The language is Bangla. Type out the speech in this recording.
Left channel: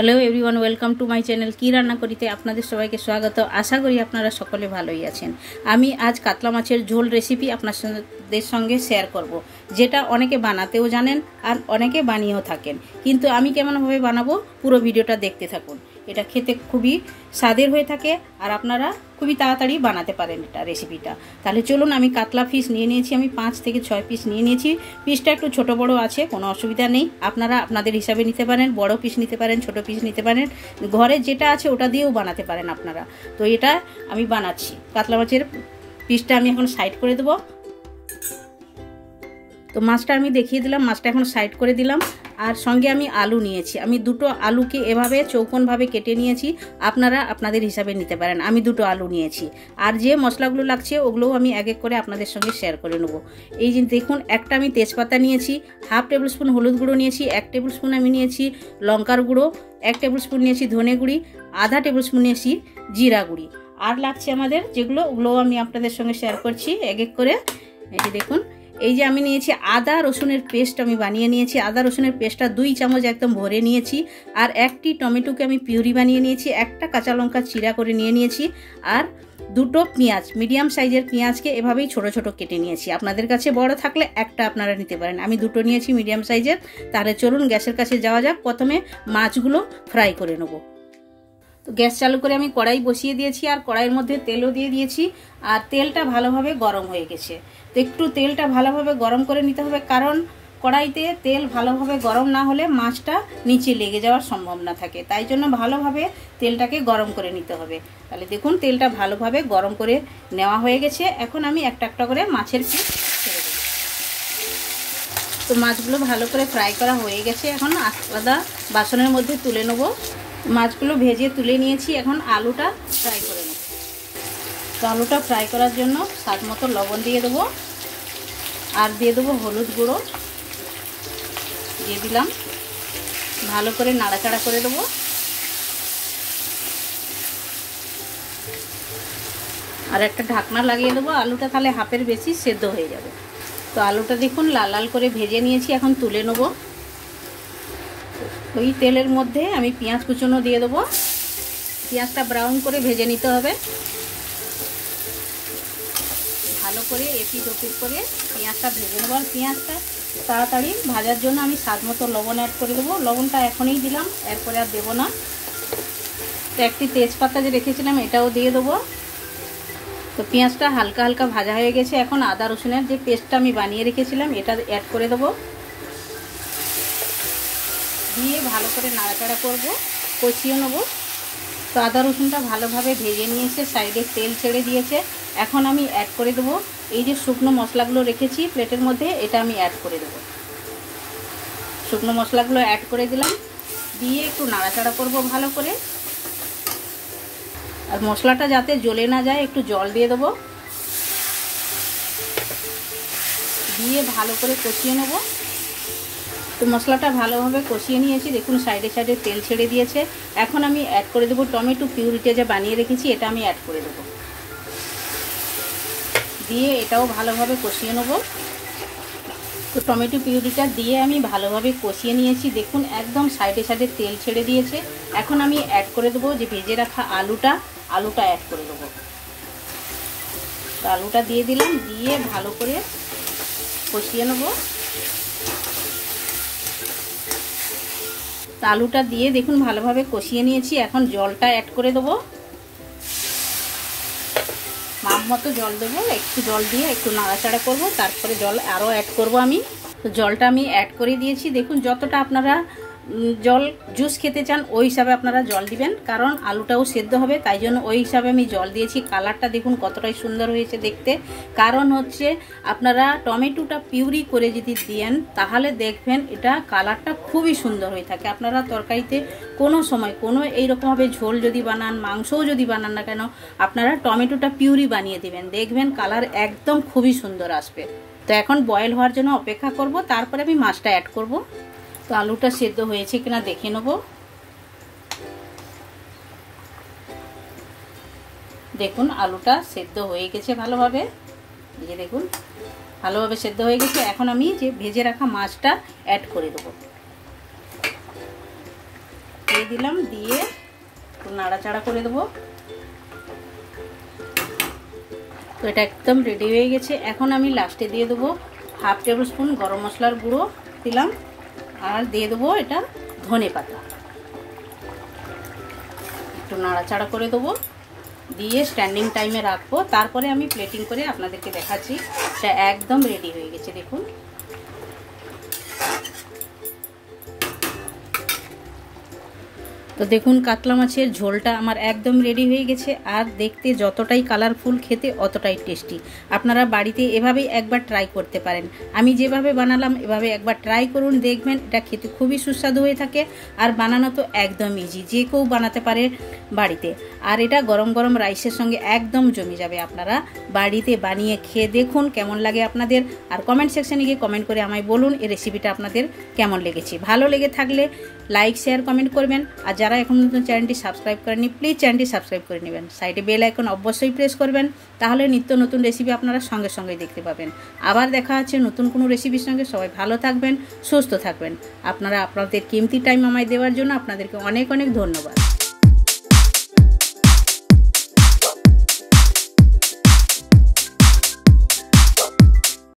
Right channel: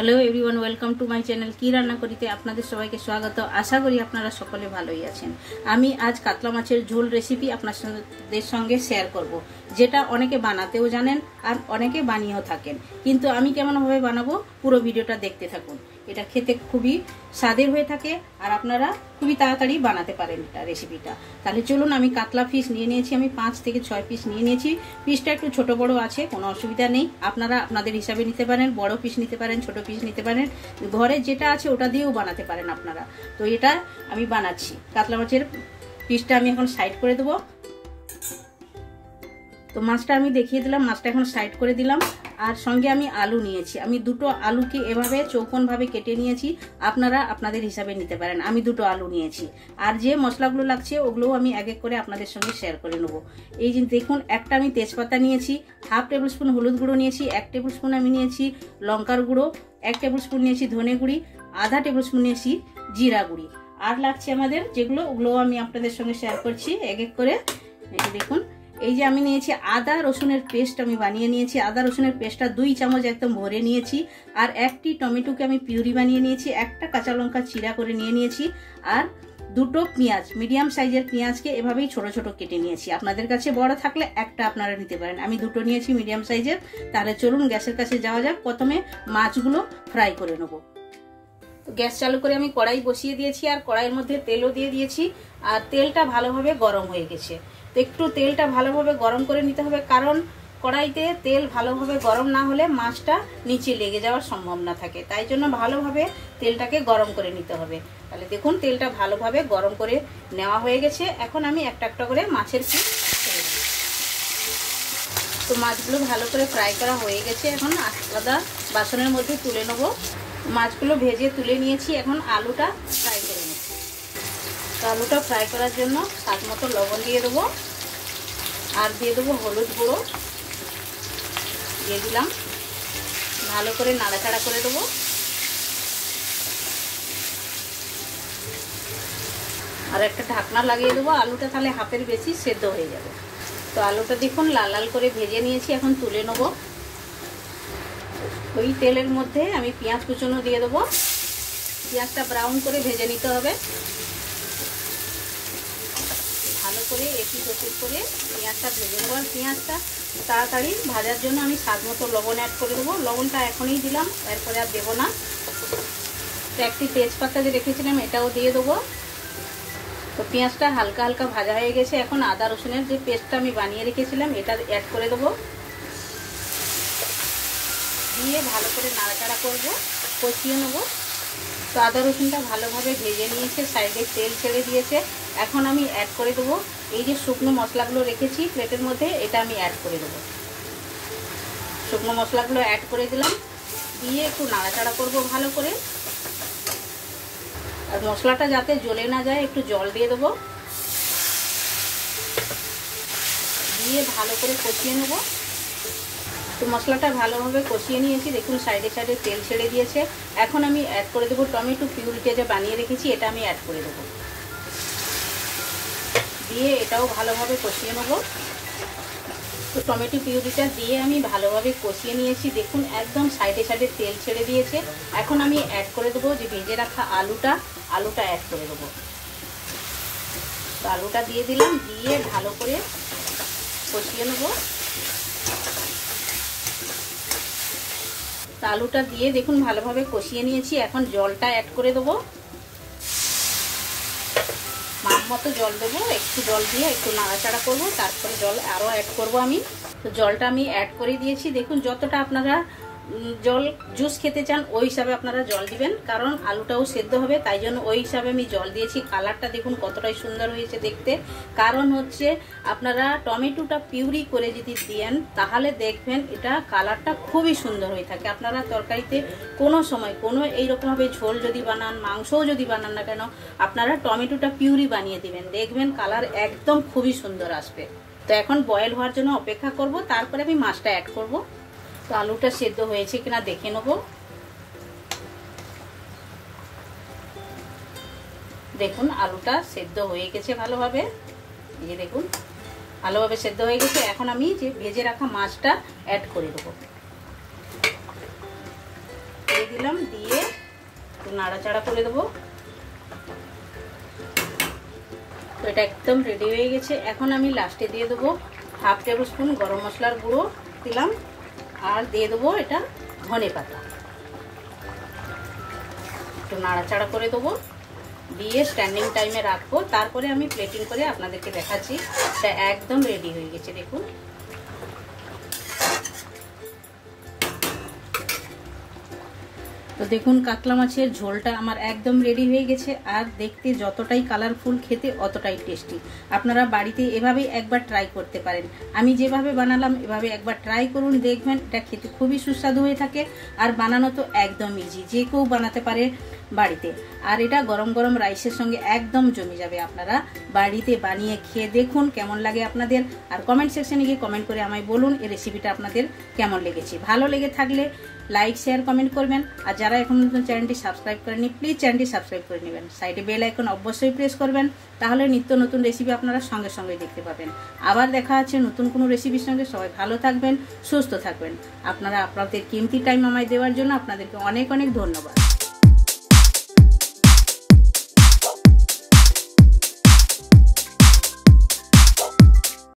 Hello everyone, welcome to my channel. কি রান্না করিতে আপনাদের সবাইকে স্বাগত। আশা করি আপনারা সকলে ভালোই আছেন। আমি আজ কাতলা মাছের ঝোল রেসিপি আপনাদের সঙ্গে শেয়ার করব, যেটা অনেকে বানাতেও জানেন আর অনেকে বানিয়েও থাকেন, কিন্তু আমি কেমনভাবে বানাবো পুরো ভিডিওটা দেখতে থাকুন। এটা খেতে খুবই স্বাদের হয়ে থাকে আর আপনারা খুবই তাড়াতাড়ি বানাতে পারেন এটা রেসিপিটা। তাহলে চলুন, আমি কাতলা পিস নিয়ে নিয়েছি, আমি 5 থেকে 6 পিস নিয়ে নিয়েছি। পিসটা একটু ছোট বড় আছে, কোনো অসুবিধা নেই, আপনারা আপনাদের হিসাবে নিতে পারেন, বড় পিস নিতে পারেন, ছোট পিস নিতে পারেন, ঘরে যেটা আছে ওটা দিয়েও বানাতে পারেন আপনারা। তো এটা আমি বানাচ্ছি। কাতলা মাছের পিসটা আমি এখন সাইড করে দেবো। তো মাছটা আমি দেখিয়ে দিলাম, মাছটা এখন সাইড করে দিলাম। আর সঙ্গে আমি আলু নিয়েছি, আমি দুটো আলুকে এভাবে চৌকোনভাবে কেটে নিয়েছি, আপনারা আপনাদের হিসাবে নিতে পারেন। আমি দুটো আলু নিয়েছি। আর যে মশলাগুলো লাগছে ওগুলোও আমি এক এক করে আপনাদের সঙ্গে শেয়ার করে নেব। এই যে দেখুন, একটা আমি তেজপাতা নিয়েছি, 1/2 টেবিল স্পুন হলুদ গুঁড়ো নিয়েছি, 1 টেবিল স্পুন আমি নিয়েছি লঙ্কার গুঁড়ো, 1 টেবিল স্পুন নিয়েছি ধনে গুঁড়ি, 1/2 টেবিল স্পুন নিয়েছি জিরা গুঁড়ি। আর লাগছে আমাদের যেগুলো, ওগুলোও আমি আপনাদের সঙ্গে শেয়ার করছি এক এক করে। এই যে দেখুন, এই যে আমি নিয়েছি আদা রসুনের পেস্ট, আমি বানিয়ে নিয়েছি। আদা রসুনের পেস্টটা 2 চামচ একদম ভরে নিয়েছি। আর একটি টমেটোকে আমি পিউরি বানিয়ে নিয়েছি, একটা কাঁচা লঙ্কা চিরা করে নিয়ে নিয়েছি। আর দুটো পেঁয়াজ, মিডিয়াম সাইজের পেঁয়াজকে এভাবেই ছোট ছোট কেটে নিয়েছি। আপনাদের কাছে বড় থাকলে একটা আপনারা নিতে পারেন, আমি দুটো নিয়েছি মিডিয়াম সাইজের। তাহলে চলুন গ্যাসের কাছে যাওয়া যাক। প্রথমে মাছগুলো ফ্রাই করে নেব। গ্যাস চালু করে আমি কড়াই বসিয়ে দিয়েছি, আর কড়াইয়ের মধ্যে তেলও দিয়ে দিয়েছি। আর তেলটা ভালোভাবে গরম হয়ে গেছে। তো একটু তেলটা ভালোভাবে গরম করে নিতে হবে, কারণ কড়াইতে তেল ভালোভাবে গরম না হলে মাছটা নিচে লেগে যাওয়ার সম্ভাবনা থাকে। তাই জন্য ভালোভাবে তেলটাকে গরম করে নিতে হবে। তাহলে দেখুন, তেলটা ভালোভাবে গরম করে নেওয়া হয়ে গেছে। এখন আমি একটা একটা করে মাছের পিস ছেড়ে দেব। তো মাছগুলো ভালো করে ফ্রাই করা হয়ে গেছে, এখন আলাদা বাসনের মধ্যে তুলে নেব। মাছগুলো ভেজে তুলে নিয়েছি, এখন আলুটা ফ্রাই করে নেব। তো আলুটা ফ্রাই করার জন্য স্বাদ মতো লবণ দিয়ে দেবো, আর দিয়ে দেবো হলুদ গুঁড়ো দিয়ে দিলাম। ভালো করে নাড়াচাড়া করে দেবো। আর একটা ঢাকনা লাগিয়ে দেবো, আলুটা তাহলে হাফের বেশি সেদ্ধ হয়ে যাবে। তো আলুটা দেখুন লাল লাল করে ভেজে নিয়েছি, এখন তুলে নেব। ওই তেলের মধ্যে আমি পেঁয়াজ কুচনো দিয়ে দেবো। পেঁয়াজটা ব্রাউন করে ভেজে নিতে হবে। ভালো করে এপিট ওপিট করে পেঁয়াজটা ভেজে নেব। আর পেঁয়াজটা তাড়াতাড়ি ভাজার জন্য আমি স্বাদ মতো লবণ অ্যাড করে দেবো। লবণটা এখনই দিলাম, এরপরে আর দেবো না। তো একটি তেজপাতা যে রেখেছিলাম এটাও দিয়ে দেবো। তো পেঁয়াজটা হালকা হালকা ভাজা হয়ে গেছে, এখন আদা রসুনের যে পেস্টটা আমি বানিয়ে রেখেছিলাম এটা অ্যাড করে দেবো। দিয়ে ভালো করে নাড়াচাড়া করবো, কষিয়ে নেবো। তো আদা রসুনটা ভালোভাবে ভেজে নিয়েছে, সাইডে তেল ছেড়ে দিয়েছে। এখন আমি অ্যাড করে দেবো এই যে শুকনো মশলাগুলো রেখেছি প্লেটের মধ্যে, এটা আমি অ্যাড করে দেবো। শুকনো মশলাগুলো অ্যাড করে দিলাম, দিয়ে একটু নাড়াচাড়া করব ভালো করে। আর মশলাটা যাতে জ্বলে না যায় একটু জল দিয়ে দেবো, দিয়ে ভালো করে কষিয়ে নেব। তো মশলাটা ভালোভাবে কষিয়ে নিয়েছি, দেখুন সাইডে সাইডে তেল ছেড়ে দিয়েছে। এখন আমি অ্যাড করে দেবো টমেটো পিউরিটা যে বানিয়ে রেখেছি, এটা আমি অ্যাড করে দেবো। দিয়ে এটাও ভালোভাবে কষিয়ে নেব। তো টমেটো পিউরিটা দিয়ে আমি ভালোভাবে কষিয়ে নিয়েছি, দেখুন একদম সাইডে সাইডে তেল ছেড়ে দিয়েছে। এখন আমি অ্যাড করে দেবো যে ভেজে রাখা আলুটা অ্যাড করে দেবো। আলুটা দিয়ে দিলাম, দিয়ে ভালো করে কষিয়ে নেব। আলুটা দিয়ে দেখুন ভালোভাবে কষিয়ে নিয়েছি, এখন জলটা অ্যাড করে দেবো। মাপ মতো জল দেবো, একটু জল দিয়ে একটু নাড়াচাড়া করবো, তারপরে জল আরও অ্যাড করব আমি। তো জলটা আমি অ্যাড করে দিয়েছি। দেখুন যতটা আপনারা জল জুস খেতে চান ওই হিসাবে আপনারা জল দিবেন, কারণ আলুটাও সেদ্ধ হবে, তাই জন্য ওই হিসাবে আমি জল দিয়েছি। কালারটা দেখুন কতটাই সুন্দর হয়েছে দেখতে। কারণ হচ্ছে আপনারা টমেটোটা পিউরি করে যদি দেন তাহলে দেখবেন এটা কালারটা খুবই সুন্দর হয়ে থাকে। আপনারা তরকারিতে কোনো সময় কোনো এইরকমভাবে ঝোল যদি বানান, মাংসও যদি বানান না কেন, আপনারা টমেটোটা পিউরি বানিয়ে দিবেন, দেখবেন কালার একদম খুবই সুন্দর আসবে। তো এখন বয়েল হওয়ার জন্য অপেক্ষা করব, তারপরে আমি মাছটা অ্যাড করব। তো আলুটা সেদ্ধ হয়েছে কিনা দেখে নেব। দেখুন আলুটা সেদ্ধ হয়ে গেছে ভালোভাবে, এই দেখুন ভালোভাবে সেদ্ধ হয়ে গেছে। এখন আমি যে ভেজে রাখা মাছটা অ্যাড করে দেবো। দিয়ে দিলাম, দিয়ে একটু নাড়াচাড়া করে দেবো। তো এটা একদম রেডি হয়ে গেছে। এখন আমি লাস্টে দিয়ে দেবো 1/2 টেবিল স্পুন গরম মশলার গুঁড়ো দিলাম, আর দিয়ে দেবো এটা ধনে পাতা। একটু নাড়াচাড়া করে দেবো, দিয়ে স্ট্যান্ডিং টাইমে রাখবো। তারপরে আমি প্লেটিং করে আপনাদেরকে দেখাচ্ছি। এটা একদম রেডি হয়ে গেছে, দেখুন। তো দেখুন কাতলা মাছের ঝোলটা আমার একদম রেডি হয়ে গেছে, আর দেখতে যতটাই কালারফুল, খেতে অতটাই টেস্টি। আপনারা বাড়িতে এভাবেই একবার ট্রাই করতে পারেন। আমি যেভাবে বানালাম এভাবে একবার ট্রাই করুন, দেখবেন এটা খেতে খুবই সুস্বাদু হয়ে থাকে। আর বানানো তো একদম ইজি, যে কেউ বানাতে পারে বাড়িতে। আর এটা গরম গরম রাইসের সঙ্গে একদম জমে যাবে। আপনারা বাড়িতে বানিয়ে খেয়ে দেখুন কেমন লাগে আপনাদের। আর কমেন্ট সেকশনে গিয়ে কমেন্ট করে আমায় বলুন এই রেসিপিটা আপনাদের কেমন লেগেছে। ভালো লেগে থাকলে লাইক শেয়ার কমেন্ট করবেন। আর যারা এখন নতুন চ্যানেলটি সাবস্ক্রাইব করেনি, প্লিজ চ্যানেলটি সাবস্ক্রাইব করে নেবেন। সাইডে বেল আইকন অবশ্যই প্রেস করবেন, তাহলে নিত্য নতুন রেসিপি আপনারা সঙ্গে সঙ্গে দেখতে পাবেন। আবার দেখা হচ্ছে নতুন কোনো রেসিপির সঙ্গে। সবাই ভালো থাকবেন, সুস্থ থাকবেন। আপনারা আপনাদের কিমতি টাইম আমায় দেওয়ার জন্য আপনাদেরকে অনেক অনেক ধন্যবাদ।